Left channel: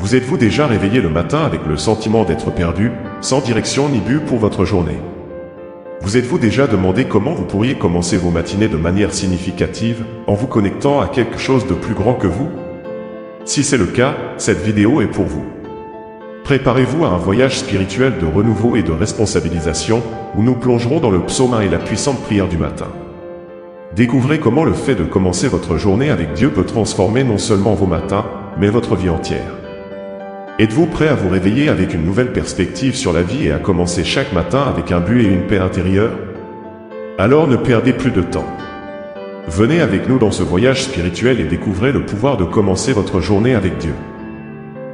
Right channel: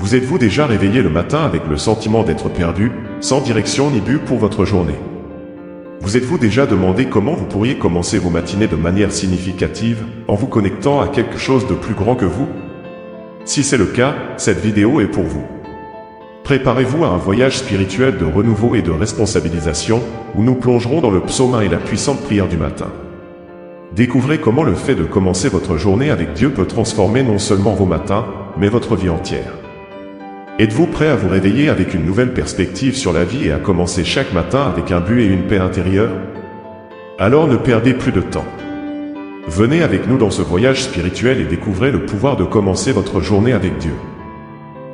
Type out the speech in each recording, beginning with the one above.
Vous êtes-vous déjà réveillé le matin avec le sentiment d'être perdu, sans direction ni but pour votre journée? Vous êtes-vous déjà demandé comment vous pourriez commencer vos matinées de manière significative, en vous connectant à quelque chose de plus grand que vous? Si c'est le cas, cette vidéo est pour vous. Préparez-vous à un voyage spirituel de renouveau et de responsabilisation, où nous plongerons dans le psaume 1 et la puissante prière du matin. Découvrez comment le fait de commencer votre journée avec Dieu peut transformer non seulement vos matins, mais votre vie entière. Êtes-vous prêt à vous réveiller avec une nouvelle perspective sur la vie et à commencer chaque matin avec un but et une paix intérieure? Alors ne perdez plus de temps. Venez avec nous dans ce voyage spirituel et découvrez le pouvoir de commencer votre journée avec Dieu.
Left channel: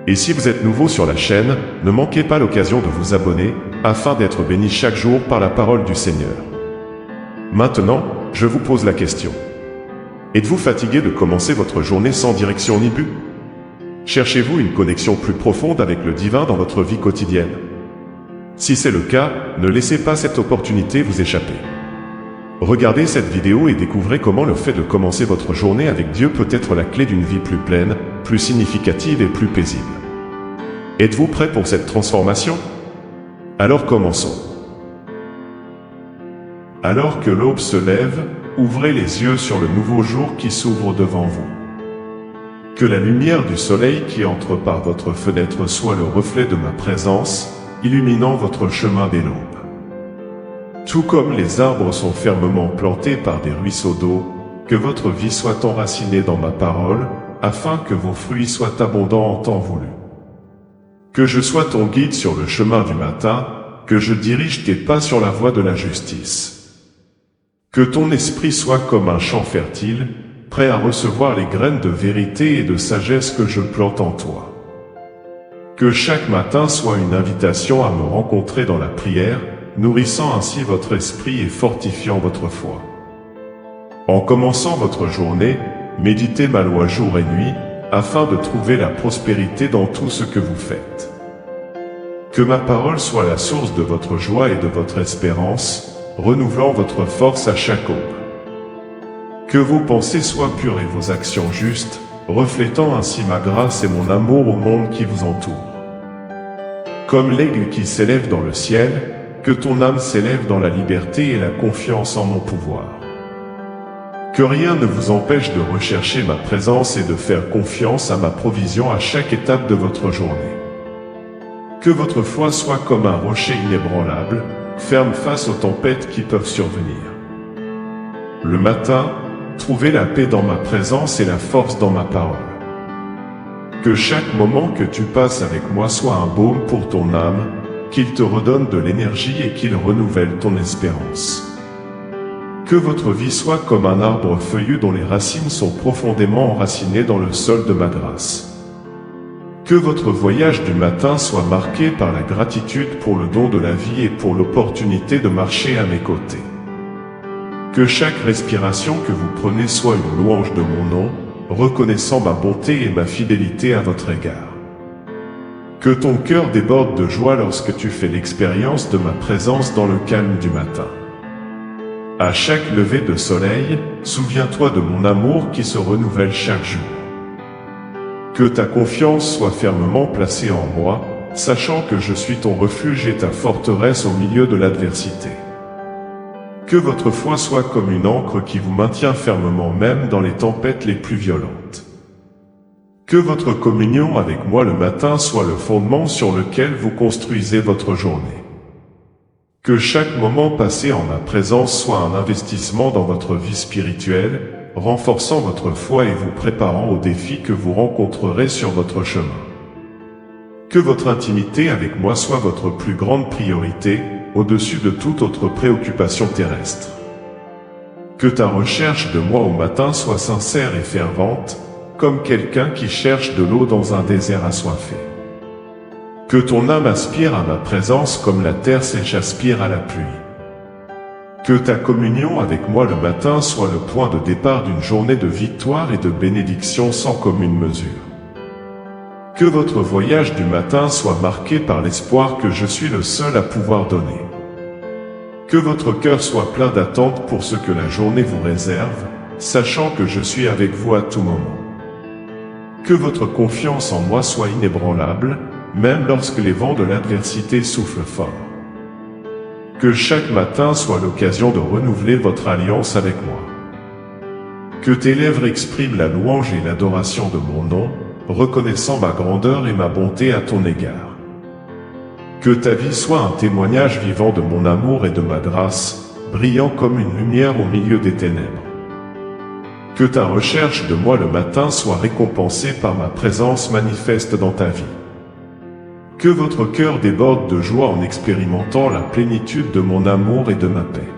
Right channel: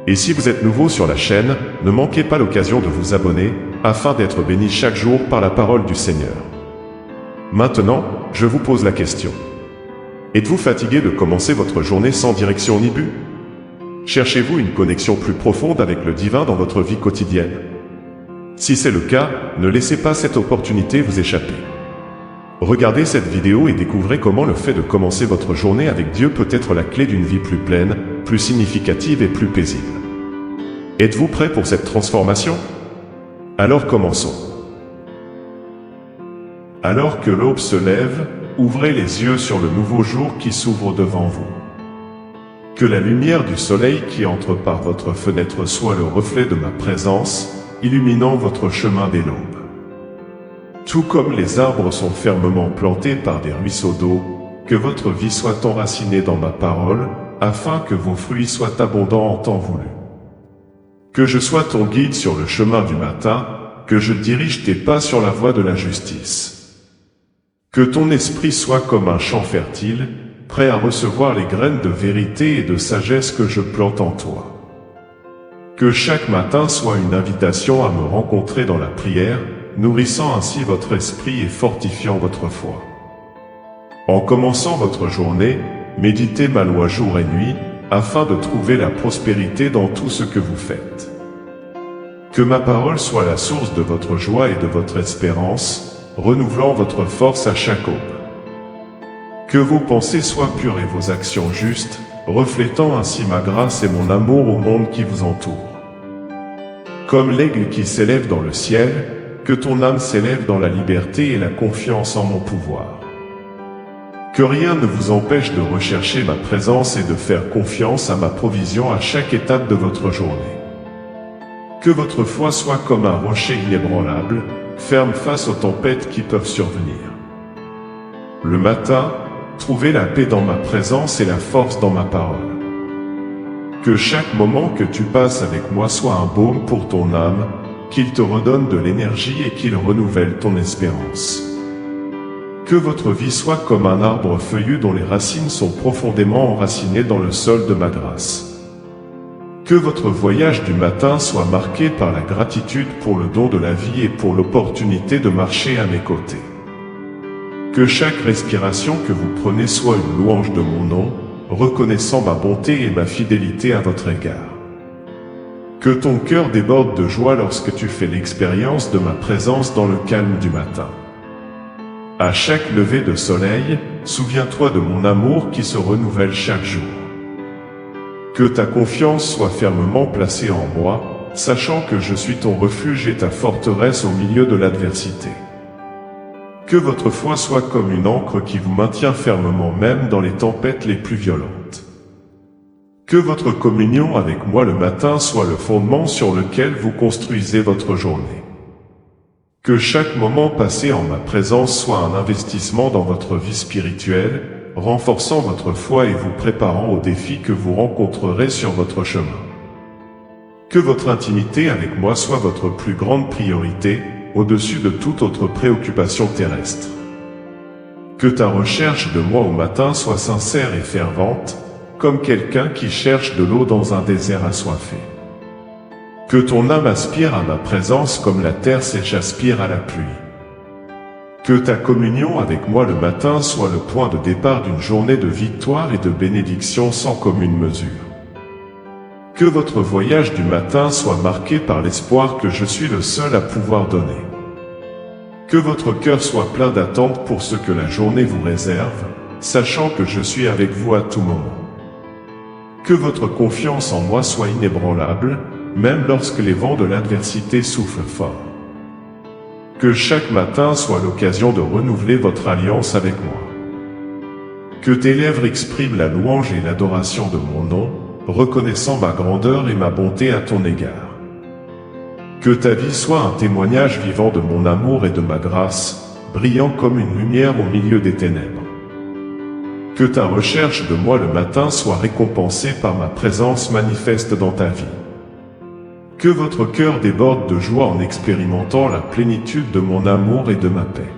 Et si vous êtes nouveau sur la chaîne, ne manquez pas l'occasion de vous abonner, afin d'être béni chaque jour par la parole du Seigneur. Maintenant, je vous pose la question. Êtes-vous fatigué de commencer votre journée sans direction ni but? Cherchez-vous une connexion plus profonde avec le divin dans votre vie quotidienne? Si c'est le cas, ne laissez pas cette opportunité vous échapper. Regardez cette vidéo et découvrez comment le fait de commencer votre journée avec Dieu peut être la clé d'une vie plus pleine, plus significative et plus paisible. Êtes-vous prêt pour cette transformation? Alors commençons. Alors que l'aube se lève, ouvrez les yeux sur le nouveau jour qui s'ouvre devant vous. Que la lumière du soleil qui entre par votre fenêtre soit le reflet de ma présence, illuminant votre chemin dès l'aube. Tout comme les arbres sont fermement plantés par des ruisseaux d'eau, que votre vie soit enracinée dans ma parole, afin que vos fruits soient abondants en temps voulu. Que je sois ton guide sur le chemin du matin, que je dirige tes pas sur la voie de la justice. Que ton esprit soit comme un champ fertile, prêt à recevoir les graines de vérité et de sagesse que je plante en toi. Que chaque matin soit une invitation à me rencontrer dans la prière, nourrissant ainsi votre esprit et fortifiant votre foi. En commençant votre journée, méditez ma loi jour et nuit, afin de trouver la prospérité dans tout ce que vous faites. Que ma parole soit la source de votre joie et de votre espérance, renouvelant votre force à chaque aube. Que vos pensées soient pures et vos actions justes, reflétant ainsi ma grâce et mon amour au monde qui vous entoure. Comme l'aigle qui s'élève dans le ciel, que ton âme s'élève dans la liberté et la confiance en mon pouvoir. Que rien ne vous empêche de rechercher ma présence et de faire confiance à ma provision à chaque étape de votre journée. Que votre foi soit comme un rocher inébranlable, ferme face aux tempêtes qui peuvent survenir. Le matin, trouvez la paix dans ma présence et la force dans ma parole. Que chaque moment que tu passes avec moi soit un baume pour ton âme, qu'il te redonne de l'énergie et qu'il renouvelle ton espérance. Que votre vie soit comme un arbre feuillu dont les racines sont profondément enracinées dans le sol de ma grâce. Que votre voyage du matin soit marqué par la gratitude pour le don de la vie et pour l'opportunité de marcher à mes côtés. Que chaque respiration que vous prenez soit une louange de mon nom, reconnaissant ma bonté et ma fidélité à votre égard. Que ton cœur déborde de joie lorsque tu fais l'expérience de ma présence dans le calme du matin. À chaque lever de soleil, souviens-toi de mon amour qui se renouvelle chaque jour. Que ta confiance soit fermement placée en moi, sachant que je suis ton refuge et ta forteresse au milieu de l'adversité. Que votre foi soit comme une ancre qui vous maintient fermement même dans les tempêtes les plus violentes. Que votre communion avec moi le matin soit le fondement sur lequel vous construisez votre journée. Que chaque moment passé en ma présence soit un investissement dans votre vie spirituelle, renforçant votre foi et vous préparant aux défis que vous rencontrerez sur votre chemin. Que votre intimité avec moi soit votre plus grande priorité, au-dessus de toute autre préoccupation terrestre. Que ta recherche de moi au matin soit sincère et fervente, comme quelqu'un qui cherche de l'eau dans un désert assoiffé. Que ton âme aspire à ma présence comme la terre sèche aspire à la pluie. Que ta communion avec moi le matin soit le point de départ d'une journée de victoire et de bénédiction sans commune mesure. Que votre voyage du matin soit marqué par l'espoir que je suis le seul à pouvoir donner. Que votre cœur soit plein d'attente pour ce que la journée vous réserve, sachant que je suis avec vous à tout moment. Que votre confiance en moi soit inébranlable, même lorsque les vents de l'adversité soufflent fort. Que chaque matin soit l'occasion de renouveler votre alliance avec moi. Que tes lèvres expriment la louange et l'adoration de mon nom, reconnaissant ma grandeur et ma bonté à ton égard. Que ta vie soit un témoignage vivant de mon amour et de ma grâce, brillant comme une lumière au milieu des ténèbres. Que ta recherche de moi le matin soit récompensée par ma présence manifeste dans ta vie. Que votre cœur déborde de joie en expérimentant la plénitude de mon amour et de ma paix.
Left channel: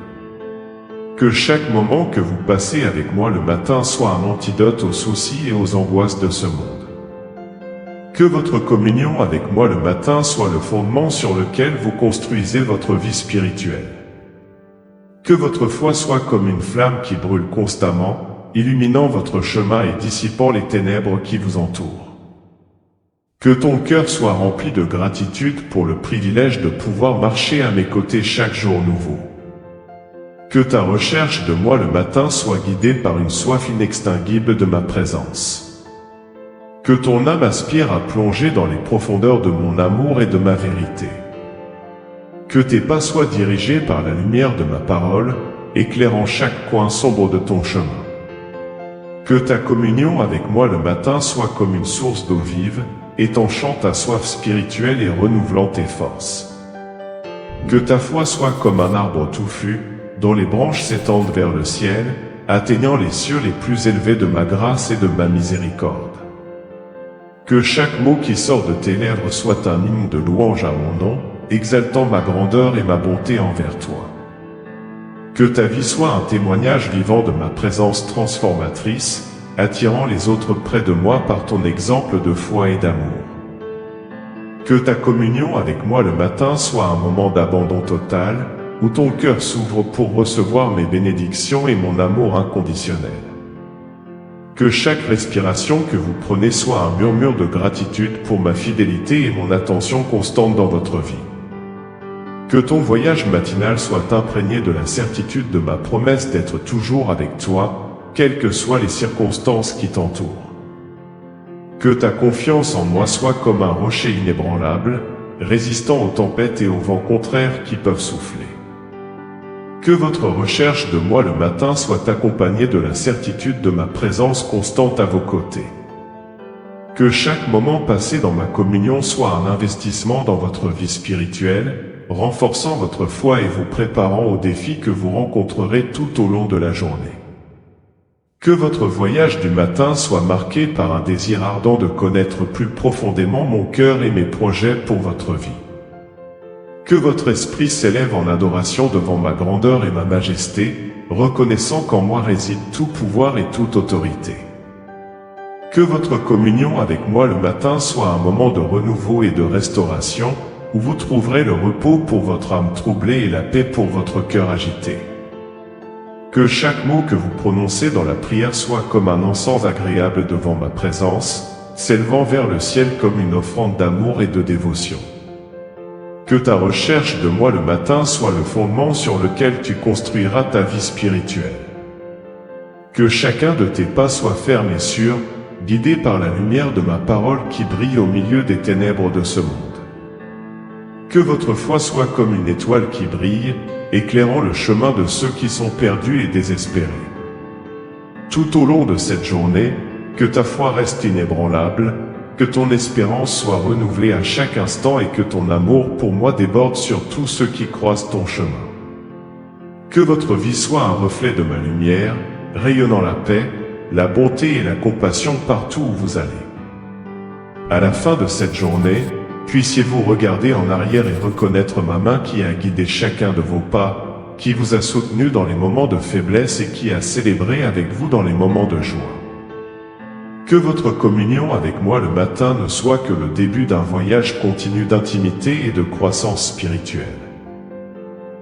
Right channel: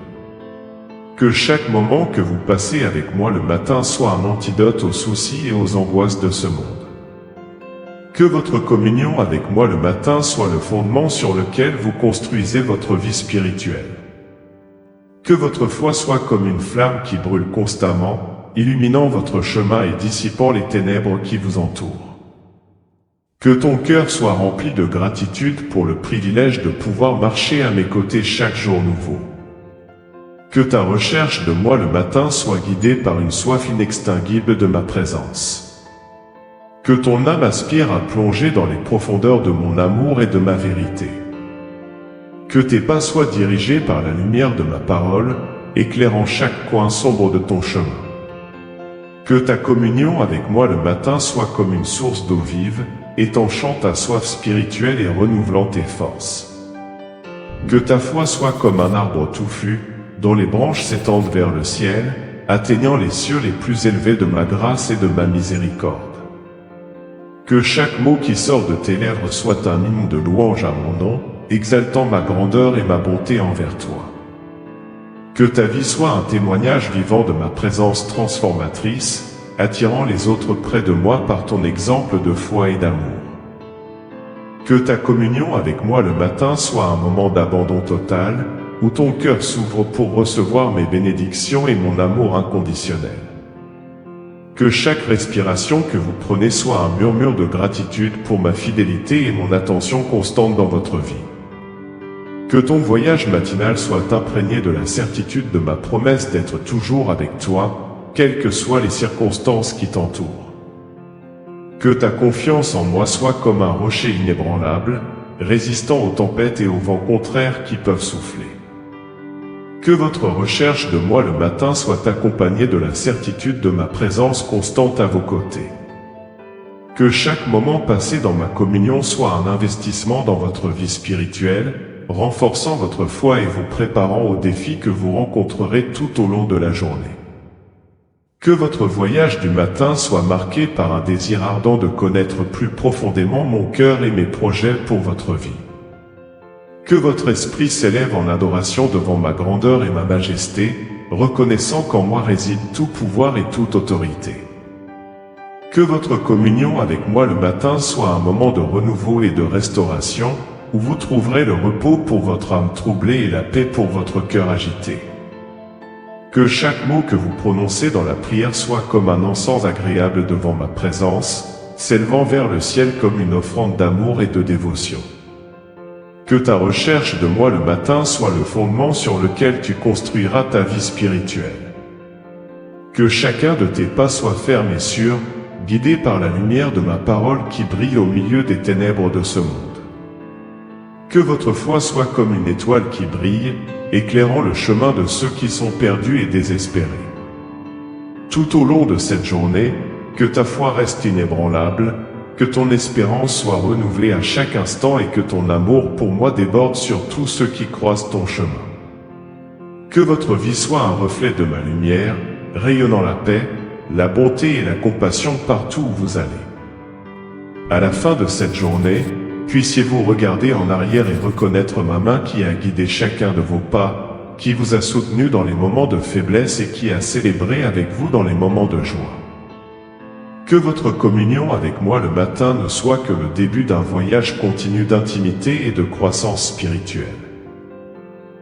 Que chaque moment que vous passez avec moi le matin soit un antidote aux soucis et aux angoisses de ce monde. Que votre communion avec moi le matin soit le fondement sur lequel vous construisez votre vie spirituelle. Que votre foi soit comme une flamme qui brûle constamment, illuminant votre chemin et dissipant les ténèbres qui vous entourent. Que ton cœur soit rempli de gratitude pour le privilège de pouvoir marcher à mes côtés chaque jour nouveau. Que ta recherche de moi le matin soit guidée par une soif inextinguible de ma présence. Que ton âme aspire à plonger dans les profondeurs de mon amour et de ma vérité. Que tes pas soient dirigés par la lumière de ma parole, éclairant chaque coin sombre de ton chemin. Que ta communion avec moi le matin soit comme une source d'eau vive, étanchant ta soif spirituelle et renouvelant tes forces. Que ta foi soit comme un arbre touffu, dont les branches s'étendent vers le ciel, atteignant les cieux les plus élevés de ma grâce et de ma miséricorde. Que chaque mot qui sort de tes lèvres soit un hymne de louange à mon nom, exaltant ma grandeur et ma bonté envers toi. Que ta vie soit un témoignage vivant de ma présence transformatrice, attirant les autres près de moi par ton exemple de foi et d'amour. Que ta communion avec moi le matin soit un moment d'abandon total, où ton cœur s'ouvre pour recevoir mes bénédictions et mon amour inconditionnel. Que chaque respiration que vous prenez soit un murmure de gratitude pour ma fidélité et mon attention constante dans votre vie. Que ton voyage matinal soit imprégné de la certitude de ma promesse d'être toujours avec toi, quelles que soient les circonstances qui t'entourent. Que ta confiance en moi soit comme un rocher inébranlable, résistant aux tempêtes et aux vents contraires qui peuvent souffler. Que votre recherche de moi le matin soit accompagnée de la certitude de ma présence constante à vos côtés. Que chaque moment passé dans ma communion soit un investissement dans votre vie spirituelle, renforçant votre foi et vous préparant aux défis que vous rencontrerez tout au long de la journée. Que votre voyage du matin soit marqué par un désir ardent de connaître plus profondément mon cœur et mes projets pour votre vie. Que votre esprit s'élève en adoration devant ma grandeur et ma majesté, reconnaissant qu'en moi réside tout pouvoir et toute autorité. Que votre communion avec moi le matin soit un moment de renouveau et de restauration, où vous trouverez le repos pour votre âme troublée et la paix pour votre cœur agité. Que chaque mot que vous prononcez dans la prière soit comme un encens agréable devant ma présence, s'élevant vers le ciel comme une offrande d'amour et de dévotion. Que ta recherche de moi le matin soit le fondement sur lequel tu construiras ta vie spirituelle. Que chacun de tes pas soit ferme et sûr, guidé par la lumière de ma parole qui brille au milieu des ténèbres de ce monde. Que votre foi soit comme une étoile qui brille, éclairant le chemin de ceux qui sont perdus et désespérés. Tout au long de cette journée, que ta foi reste inébranlable, que ton espérance soit renouvelée à chaque instant et que ton amour pour moi déborde sur tous ceux qui croisent ton chemin. Que votre vie soit un reflet de ma lumière, rayonnant la paix, la bonté et la compassion partout où vous allez. À la fin de cette journée, puissiez-vous regarder en arrière et reconnaître ma main qui a guidé chacun de vos pas, qui vous a soutenu dans les moments de faiblesse et qui a célébré avec vous dans les moments de joie. Que votre communion avec moi le matin ne soit que le début d'un voyage continu d'intimité et de croissance spirituelle.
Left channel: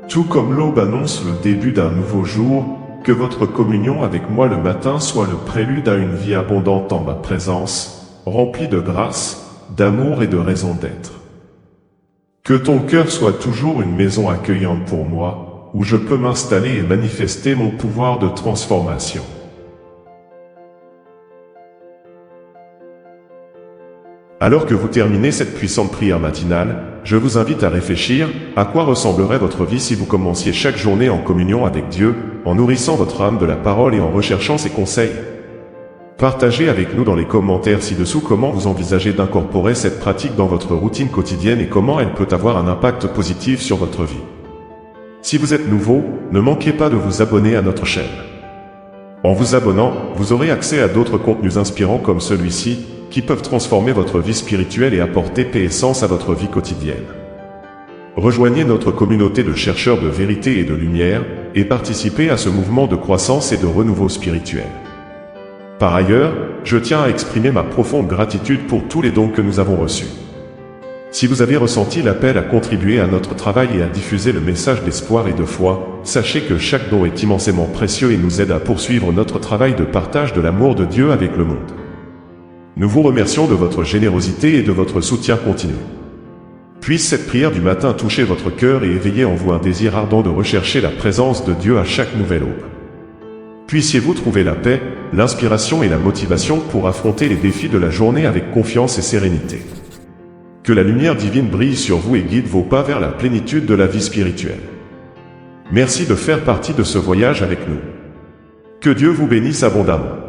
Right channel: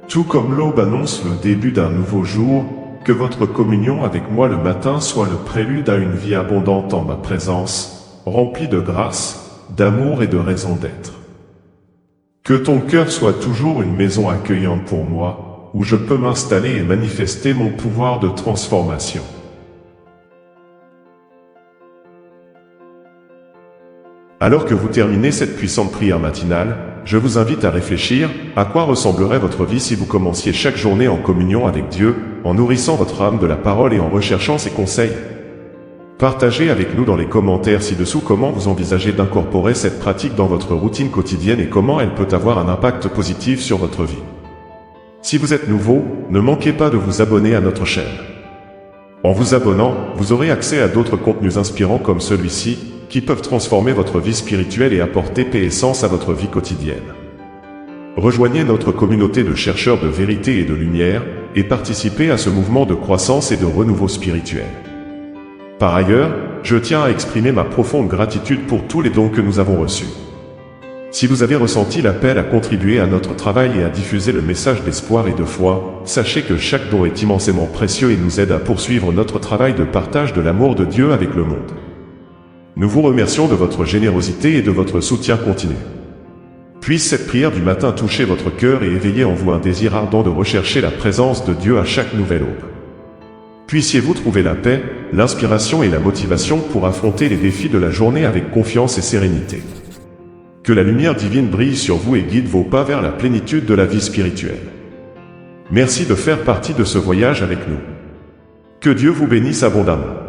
Tout comme l'aube annonce le début d'un nouveau jour, que votre communion avec moi le matin soit le prélude à une vie abondante en ma présence, remplie de grâce, d'amour et de raison d'être. Que ton cœur soit toujours une maison accueillante pour moi, où je peux m'installer et manifester mon pouvoir de transformation. Alors que vous terminez cette puissante prière matinale, je vous invite à réfléchir à quoi ressemblerait votre vie si vous commenciez chaque journée en communion avec Dieu, en nourrissant votre âme de la parole et en recherchant ses conseils. Partagez avec nous dans les commentaires ci-dessous comment vous envisagez d'incorporer cette pratique dans votre routine quotidienne et comment elle peut avoir un impact positif sur votre vie. Si vous êtes nouveau, ne manquez pas de vous abonner à notre chaîne. En vous abonnant, vous aurez accès à d'autres contenus inspirants comme celui-ci, qui peuvent transformer votre vie spirituelle et apporter paix et sens à votre vie quotidienne. Rejoignez notre communauté de chercheurs de vérité et de lumière, et participez à ce mouvement de croissance et de renouveau spirituel. Par ailleurs, je tiens à exprimer ma profonde gratitude pour tous les dons que nous avons reçus. Si vous avez ressenti l'appel à contribuer à notre travail et à diffuser le message d'espoir et de foi, sachez que chaque don est immensément précieux et nous aide à poursuivre notre travail de partage de l'amour de Dieu avec le monde. Nous vous remercions de votre générosité et de votre soutien continu. Puisse cette prière du matin toucher votre cœur et éveiller en vous un désir ardent de rechercher la présence de Dieu à chaque nouvelle aube. Puissiez-vous trouver la paix, l'inspiration et la motivation pour affronter les défis de la journée avec confiance et sérénité. Que la lumière divine brille sur vous et guide vos pas vers la plénitude de la vie spirituelle. Merci de faire partie de ce voyage avec nous. Que Dieu vous bénisse abondamment.